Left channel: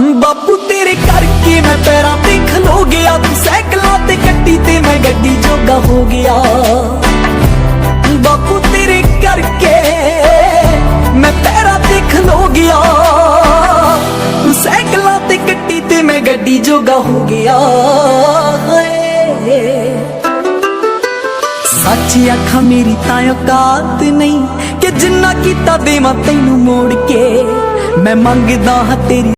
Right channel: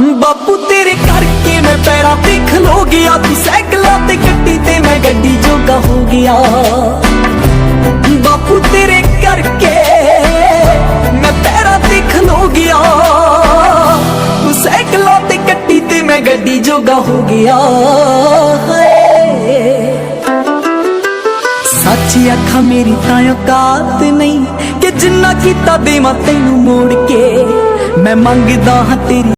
बापू तेरे करके मैं पैरां ते खलो गया, तू सैकलां ते कट्टी ते मैं गड्डी जोगा हो गया। बापू तेरे करके मैं पैरां ते खलो गया, तू सैकलां ते कट्टी ते मैं गड्डी जोगा हो गया। सच आखा मेरी तां औकात नहीं कि जिन्ना कीता देवां तैनू मोड़ के, मैं मंगदा हां तेरी